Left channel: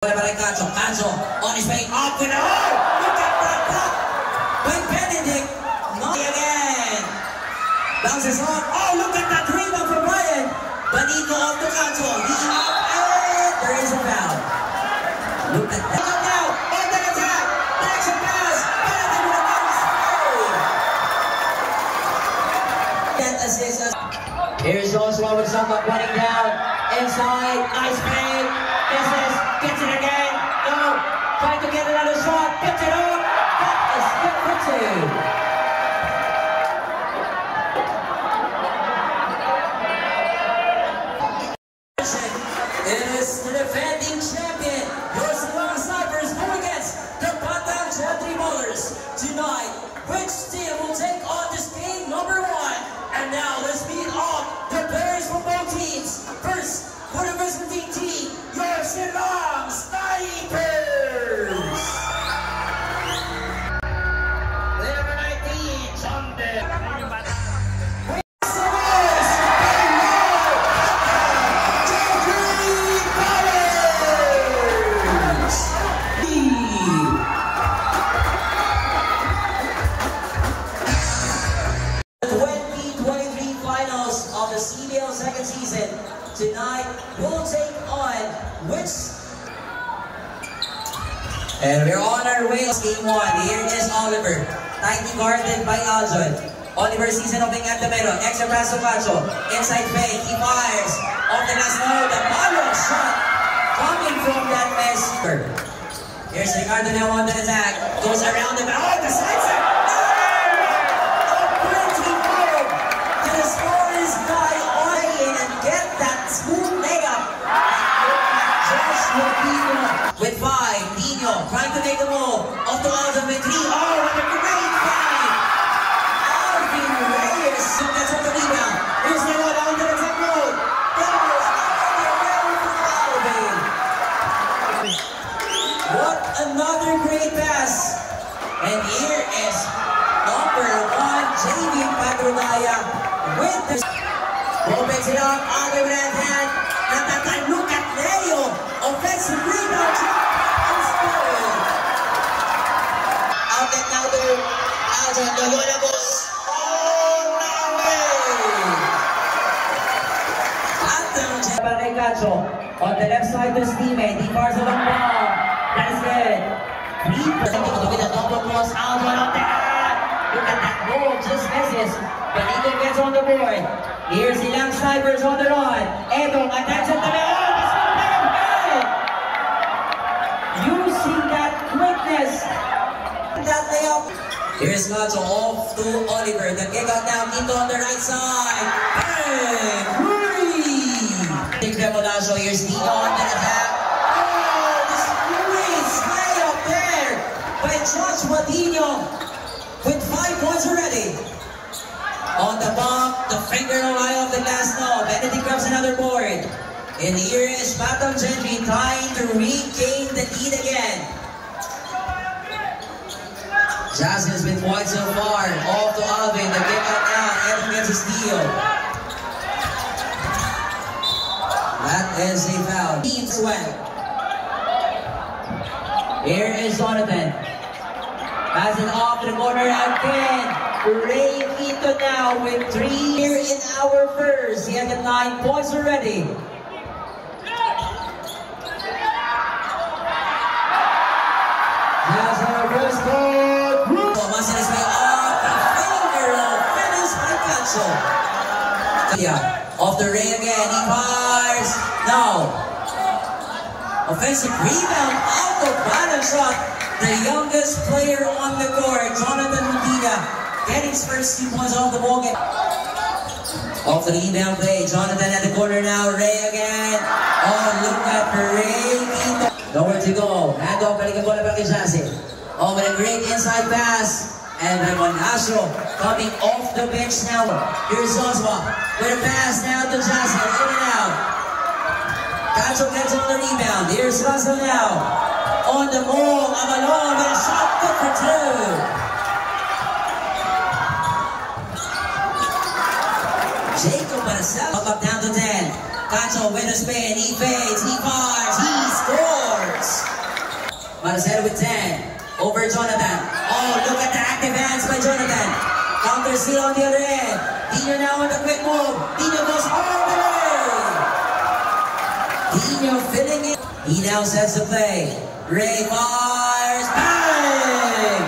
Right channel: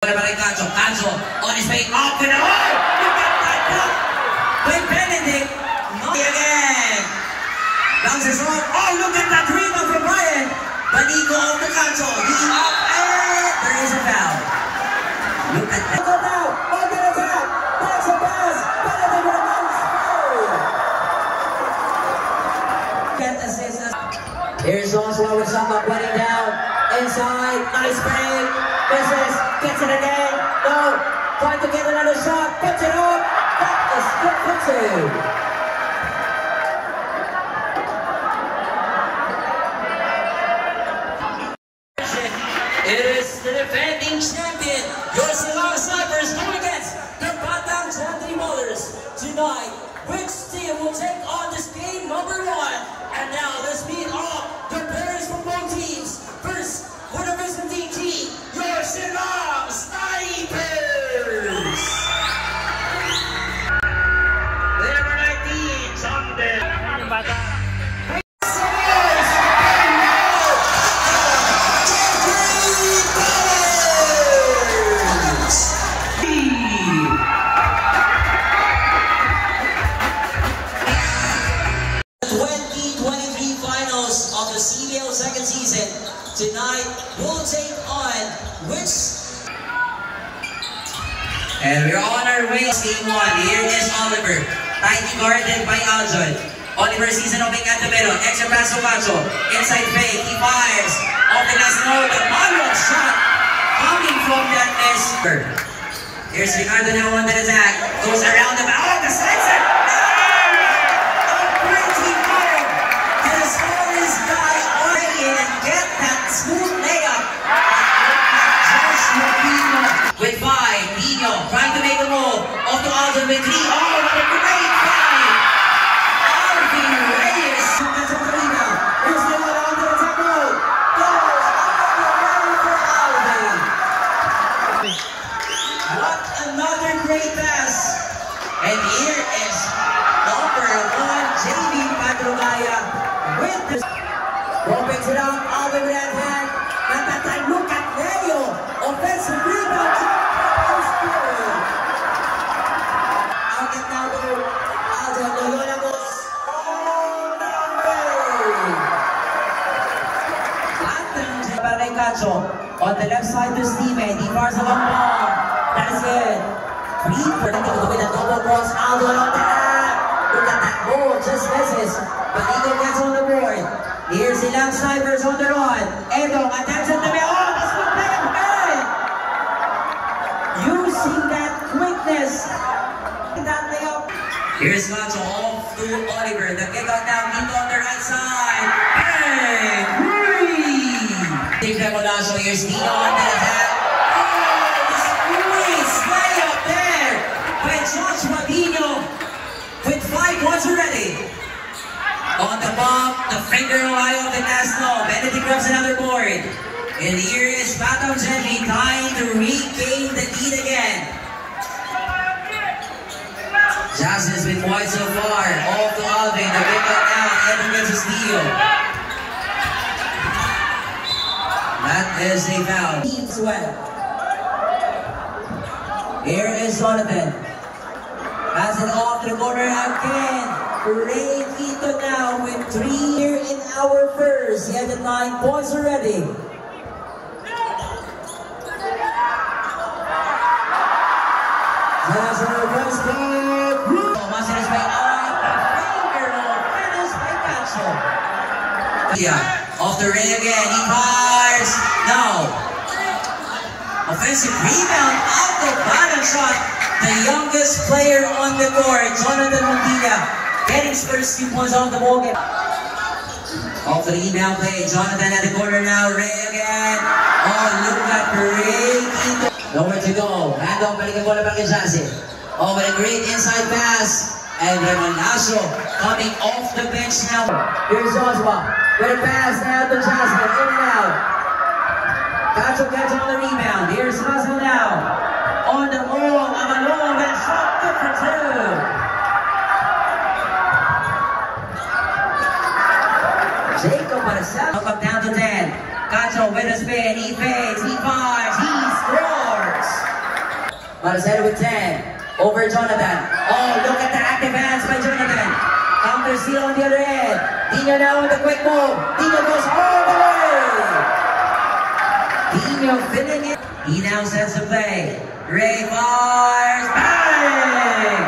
Cacho on his way up to the line. Look at that block with Benedict. No again. Bounces on. Oh, look at that rebound from Ryan. Banico off to Cacho. He's up and there is a foul. Look at that. Go now. On the attack. Next a pass. Benedict with a nice play. Get assist. Here's Joshua with someone running down. Inside. Nice play. Gets it again. No. Trying to get another shot. Puts it up. That is good for two. It is the defending champion. Your Silang Snipers go against the Batang Gentry Bowlers tonight. Which team will take on this game number 1? And now let's meet off the players from both teams. First, for the visiting team, your Silang Snipers. Number 19, Sunday. CBL second season tonight will take on which, and we're on our way. Game 1. Here is Oliver, tightly guarded by Aljon. Oliver season opening at the middle, extra pass to Cacho, inside fake, he fires off the last note, the follow-up shot coming from that miss. Here's Ricardo now on the attack, goes around the back, oh, the slicer. Get that smooth layup. With 5, Dino trying to make a move. Off to Aljon with 3. Oh, what a great fight! Alvin Reyes. That's on the rebound. Here's the one on the top road. Goes for Alvin. What another great pass. And here is number 1, JV Patrugaya with the opens it up, Alvin with that hand. At that time, look at Leo. Offensive rebound. Outlet now to Aljon. Loyola goes all number. Batang Cacho on the left side to Steven. He fires a long ball. That is good. With a double cross. Aljon on that. Look at that goal. Just misses. But Eagle gets on the board. Here's the Silang Snipers on the run. Edong attacks on the middle. Oh, this one play again! Using that quickness. That layup. Here's Cacho off to Oliver. The kick out down into on the right side. Bang! Take that Monazo. Here's Dino on the attack. Oh, the squeeze layup there by Joshua Dino with 5 points already. On the bump, the finger away of the last no. Benedict grabs another board. And here is Batang Gentry trying to regain the lead again. Jason has been wide so far. Off to Alvin. The kick out now. Evan gets a steal. That is a foul. Teams well. Here is Jonathan. Pass it off to the corner again. Ray Quito now with 3 here in our first. He has 9 points already. That's our first goal. Thomas is way up. The finger of Fennis by Cacho. Yeah, off the ring again. He fires. Now, offensive rebound out of balance shot. The youngest player on the court, Jonathan Montilla. Getting his first 2 points off the ball game. Off the rebound play, Jonathan at the corner now, Ray again. Oh, look at Ray. Nowhere to go. Hand off, balikan bola para kay Jason. Oh, with a great inside pass. And Raymond Naso coming off the bench now. Here's Oswa with a pass now to Jason. In and out. Cacho gets on the rebound. Here's Russell now. On the move, Amalon with a shot, good for 2. Jacob Marcel. Up down to 10. Cacho with a spin. He fades. He fires. He scores. Marcelo with 10. Over Jonathan. Oh, look at the active hands by Jonathan. Counter steal on the other end. Dino now with a quick move. Dino goes all the way. Dino filling it. He now sets the play. Ray fires. Bang!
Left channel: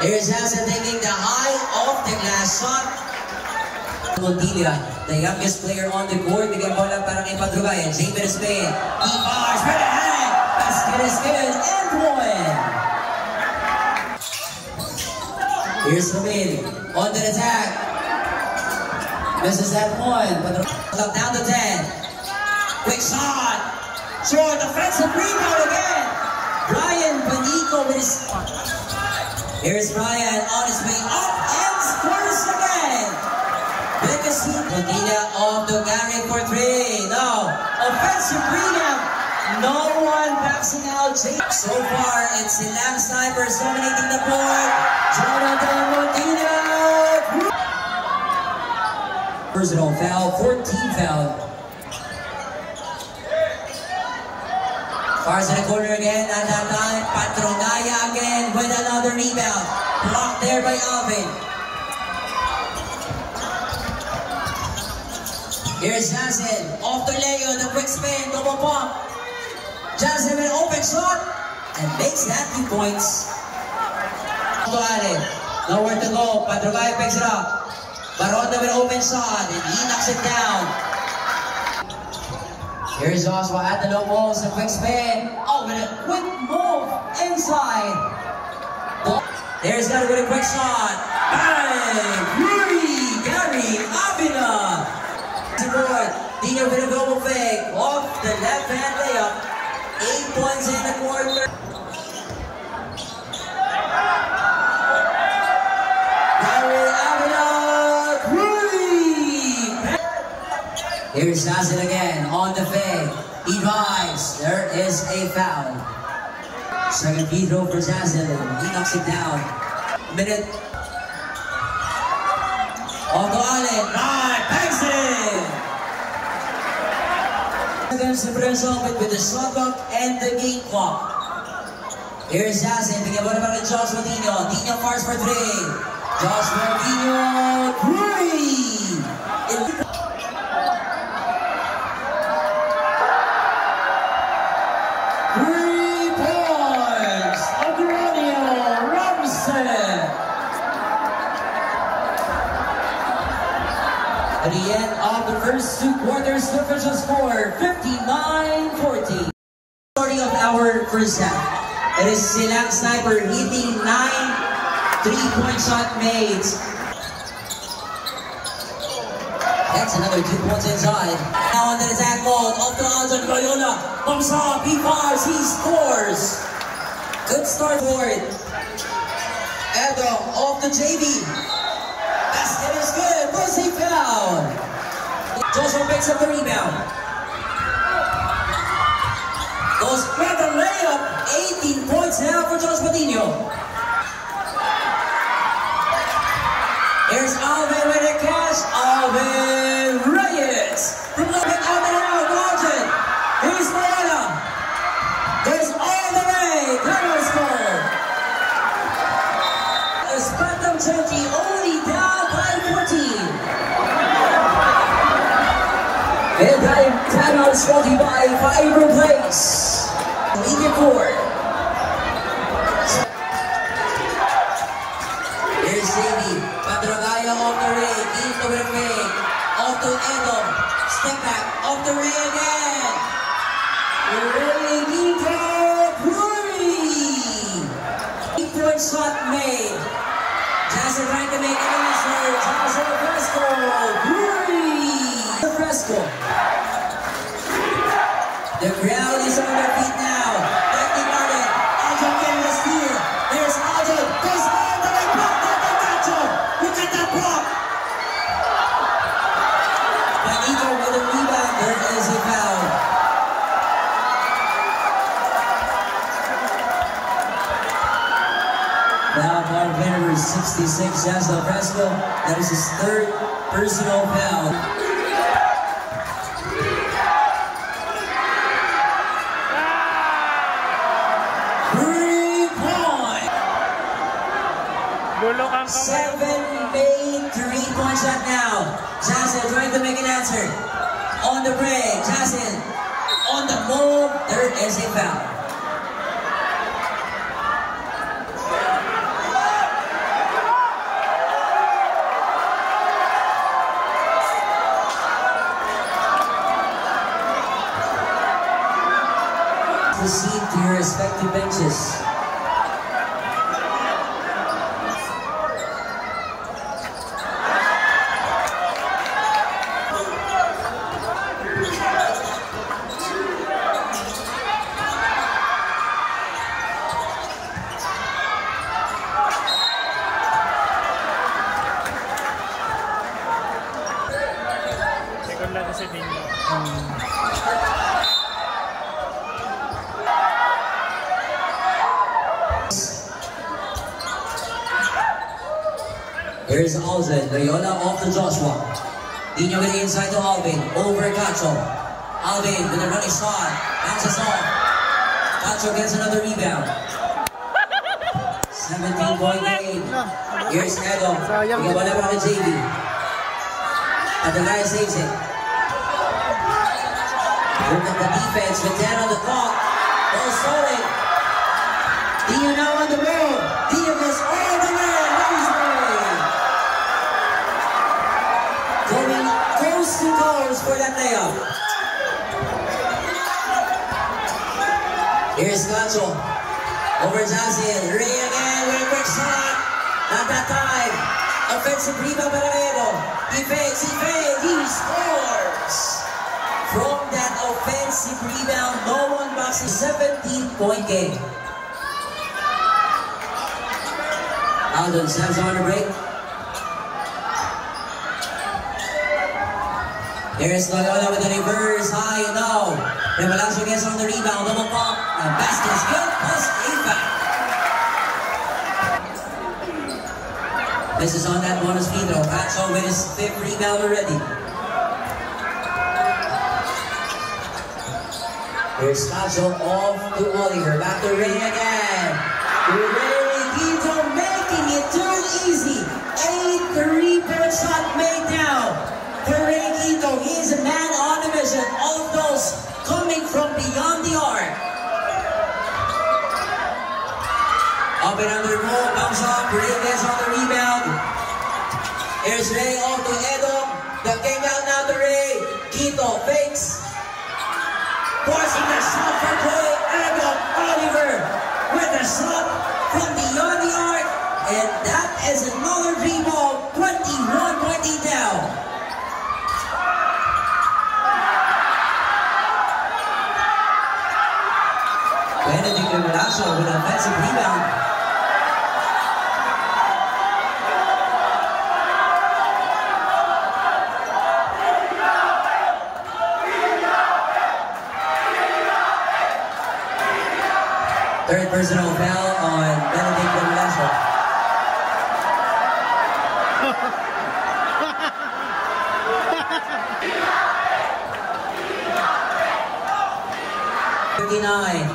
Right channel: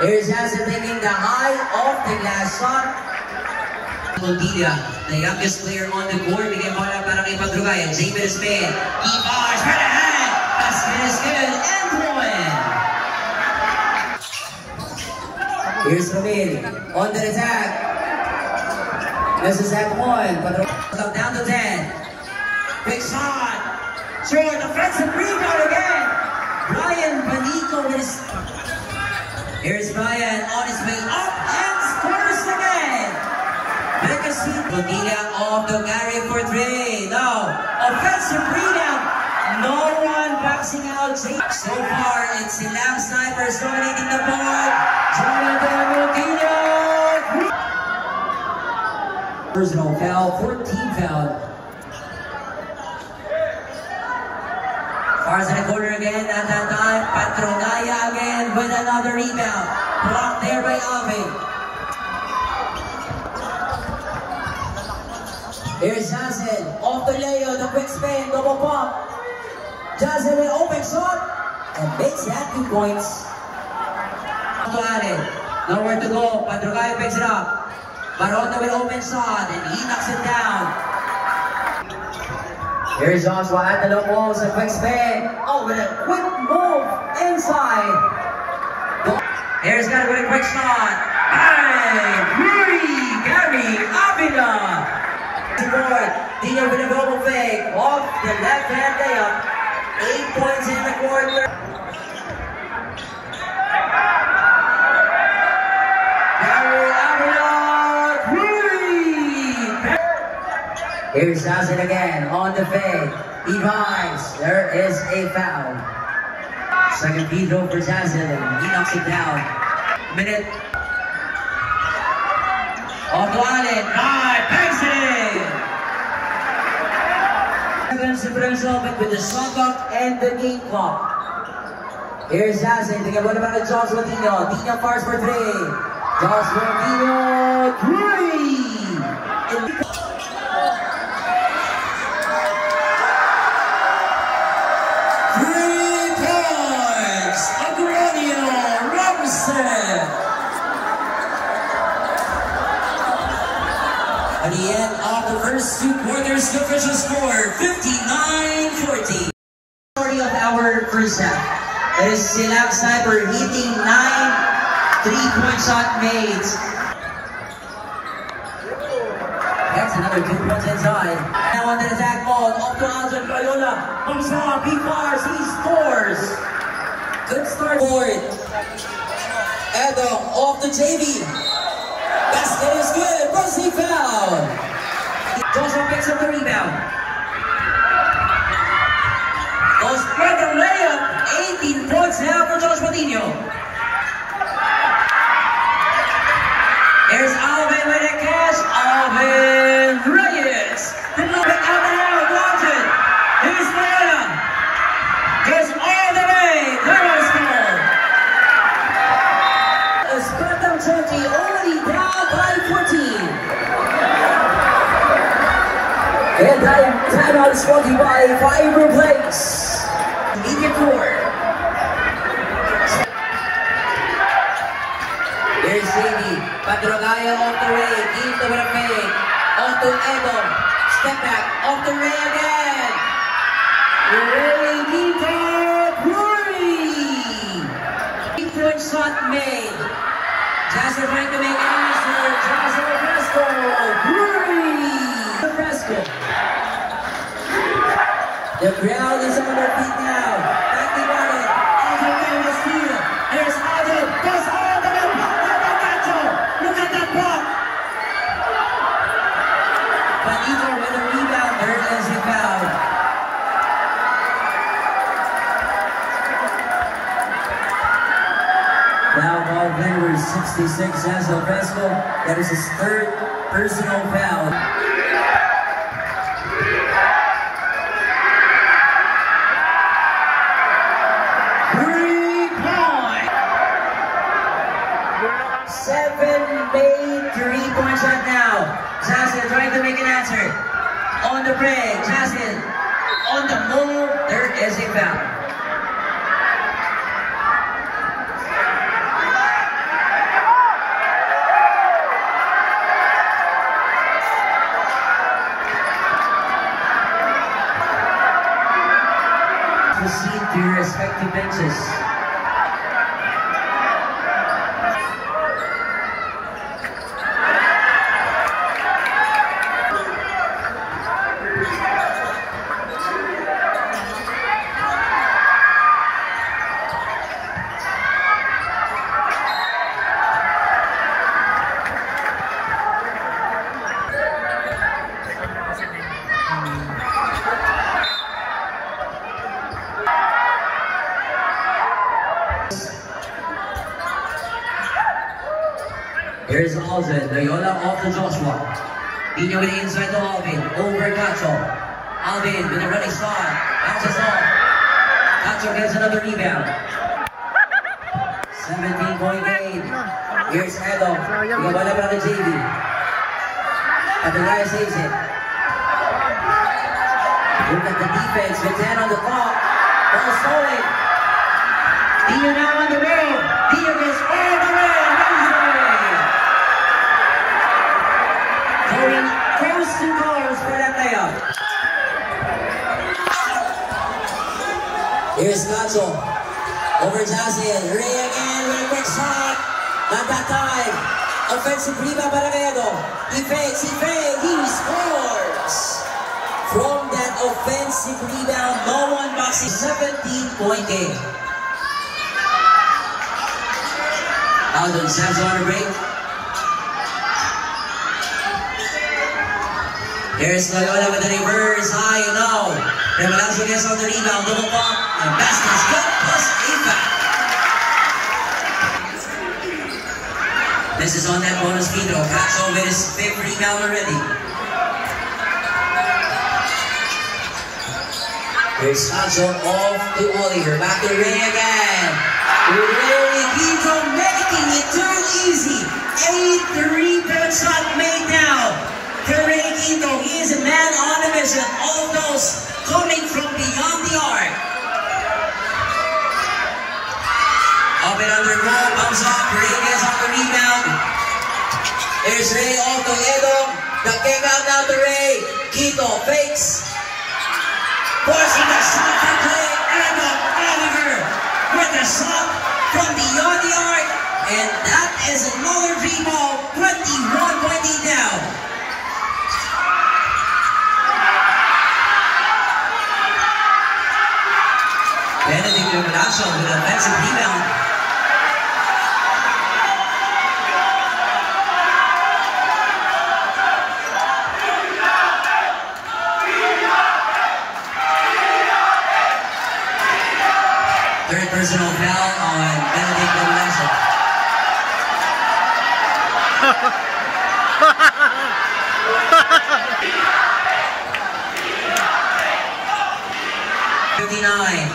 Here's Hansen taking the high off the glass shot. Montilla, the youngest player on the court. Bigyan bola para kay Padrugayan. Xavier Smith. He fires for the hand. Basket is good. And one. Here's Ramil. On the attack. Misses that one. Padrugayan down to 10. Big shot. Short offensive rebound again. Brian Panico with his... Here's Brian on his way up and scores again. Montilla off the Gary for 3. Now, offensive rebound. No one boxing out. So far, it's the Lamb Snipers dominating the board. Jonathan Montilla. Personal foul, 14 foul. Fars in the corner again at that time. Patronaya again with another rebound. Blocked there by Alvin. Here's Jansen. Off the Leo. The quick spin. Double pump. Jansen with an open shot. And makes that 2 points. Nowhere to go. Patronaya picks it up. Baronda with an open shot. And he knocks it down. Here's Joshua at the low walls, a quick spin. Oh, with a quick move inside. Here's Gary with a quick shot. Bang! Gary Avila. Dino with a global fake. Off the left hand layup. 8 points in the quarter. Gary Avila. Here's Zazen again on the fake. He drives. There is a foul. Second free throw for Zazen. He knocks it down. Minute. Off to Allen. Bangs it in. Against the differential with the shot clock and the game clock. Here's Zazen. Tingnan mo naman ang Joshua Dino. Dino fires for 3. Joshua Dino. 3. 3 points, Agronia Robinson. At the end of the first 2 quarters, the official score 59-40. Majority of our first half. It is Silang Sniper hitting 9 3-point shot made. That's another 2 points inside. Now on the attack ball, off to Aljon Loyola. Comes up, he fires, he scores. Good start for it. Edo off to JV. Basket is good. Mercy foul. Joshua picks up the rebound. Goes for the layup. 18 points now for Josh Patino. Here's Alvin with a catch. Alvin Reyes. From the back out now, Walton. Here's Loyola. Goes all the way. There was goal. Spartan Chunky only down by 14. And timeout is brought to you by Fiber Place. Media Core. Here's Davey. Patrogaya off the Ray. Keep the winner fake. Off to Edom. Step back. Off the Ray again. Ray Quinto. Curry. 8-point shot made. Jasper trying to make enemies here. Jasper Fresco. Curry. Fresco. The crowd is on their feet now. Thank you, Martin. Aljon getting the steal. There's Aljon. Goes all the way. Look at that block. Panito with a rebound. There is a foul. Foul ball winner 66 Jasper Fresco. That is his 3rd personal foul. 7-made 3-point shot now. Jasin trying to make an answer. On the break, Jasin on the move. There is a foul. Proceed to your respective benches. Here's Alvin, Loyola off to Joshua. Dino with the inside to Alvin, over Cacho. Alvin with a running start, bounces off. Cacho gets another rebound. 17-point game. Here's Edo, ikabala pa kay JV. At the guy saves it. Look at the defense, with 10 on the clock. Ball stolen. Dio now on the road. Dio gets all the way. Going close to goals for that layup. Here's Cacho. Over Jasin. Ray again with a quick shot. Not that time. Offensive rebound para Edo. He fakes. He scores. From that offensive rebound, no one backs a 17-point game. Alden Samson on the break. Here's Loyola with the reverse, high and low. Revelasio gets on the rebound, double pump, and basket's good, plus a foul. This is on that bonus free throw. Cacho with his 5th rebound already. Here's Cacho off to Oliver, back to Ray again. Ray Quito making it too easy. 8 3-point shot made now. Ray Quito, he is a man on a mission. All of those coming from beyond the arc. Up and under goal, comes up. Ray gets on the rebound. Here's Ray off to Edo. The kick out now to Ray. Quito fakes. Forcing the shot for Ray. Edo Oliver with a shot from beyond the arc. And that is another free ball. 21-point lead now. Benedict Revelasio with an offensive rebound. Third personal foul on Benedict Revelasio. 59.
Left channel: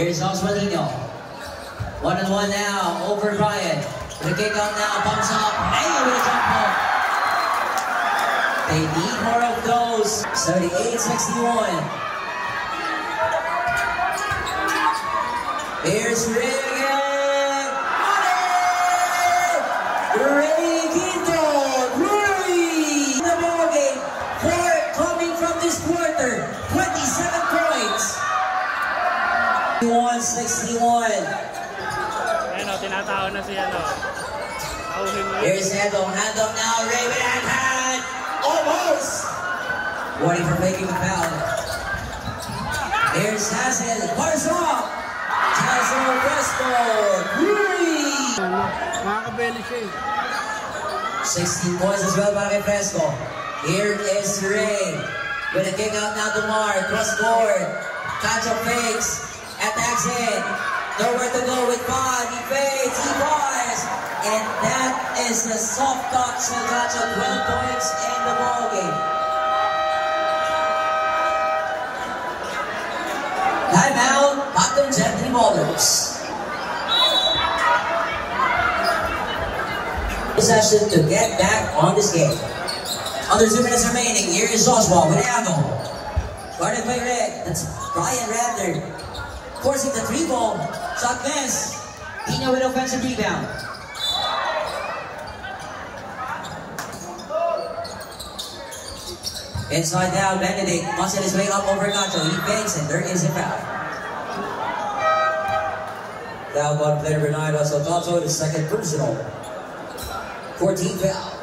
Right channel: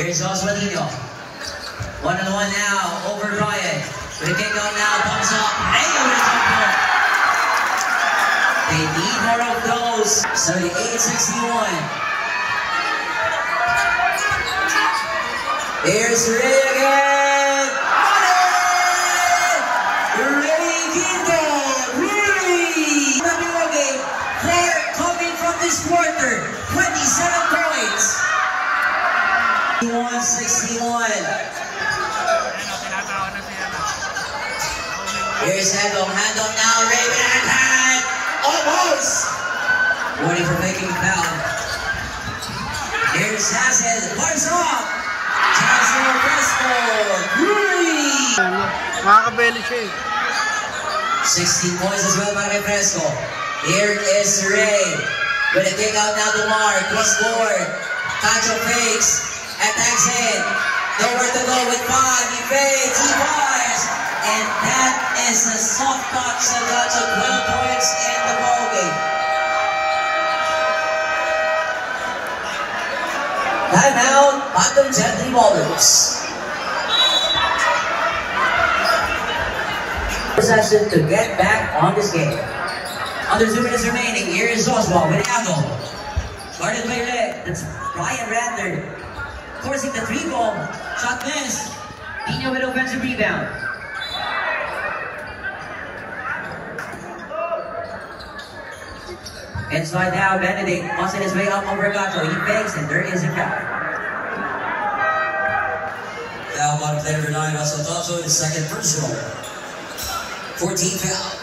Here's Osvaldo. 1-on-1 now, over Bryant. With a kick out now, bumps up. Hey, with a jump ball. They need more of those. 78-61. Here's Ray again. Ray Quito. Ray. The ball game. Player coming from this quarter. 27 points. 61. Here's Edo. Hand up now. Ray with a hand. Almost. Warning for making a foul. Here's Jasin. Bars off. Jasin Fresco. Ray. Makakabeli siya eh. 16 points as well para kay Fresco. Here is Ray. With a kick out now to Mark. Cross court. Cacho fakes. Attacks in. Nowhere to go with 5. He fades. He bars. And that is a soft touch that got to 12 points in the ballgame. Baton Gentry Ballers. Possession to get back on this game. Under 2 minutes remaining, here is Joshua with Ano. Guarded by Red, that's Brian Rather. Forcing the 3-ball, shot miss. Pino with offensive rebound. Inside now, Benedict busting his way up over Gato. He banks and there is a foul. Foul on play number 9, Russell Gato, his second personal. 14 foul.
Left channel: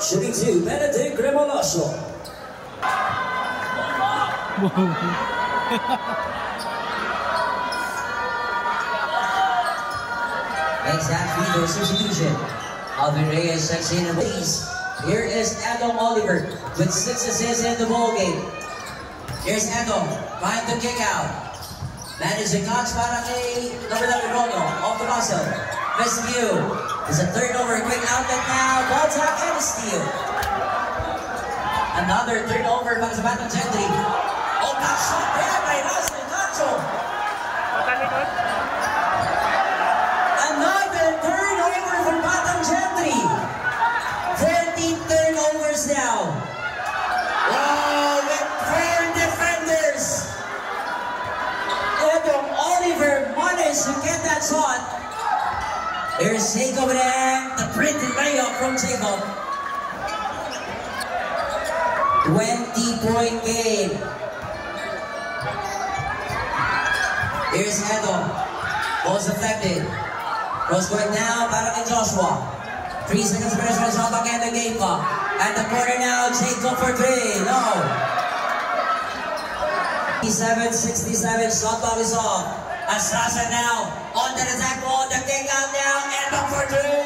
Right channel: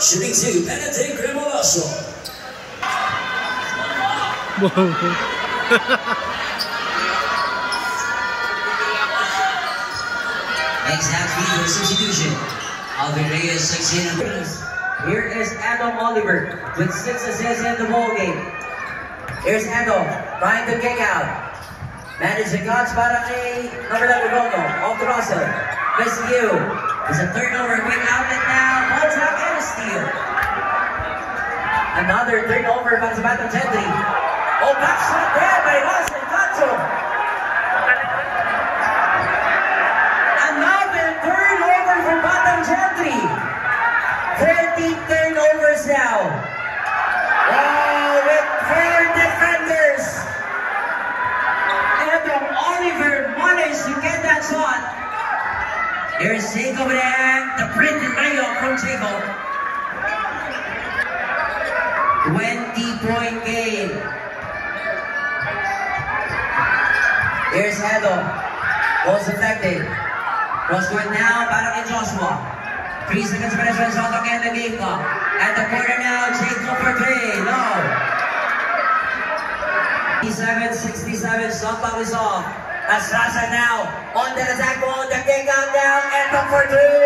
Shooting 2, Benedict Remolasso. Makes that free substitution. Alvin Reyes checks in the base. Here is Adam Oliver with 6 assists in the ball game. Here's Adam trying to kick out. Managed the catch para kay number 11 Rono off the Russell. Best view. It's a turnover, quick outlet now. Ball tap and a steal. Another turnover para sa Baton Gentry. Oh, back shot there by Russell Gato. Another turnover for Baton Gentry. 13 turnovers now. Wow, with 4 defenders. Adam Oliver managed to get that shot. Here's Jacob there, the printed mayo from Jacob. 20-point game. Here's Edo. Ball's affected. Cross court now, para kay Joshua. 3 seconds penetrating shot clock and the game clock. At the corner now, Jacob for 3. No. 67-67, shot clock is off. As Rasa now on the attack wall, the kick out now, and the for 3.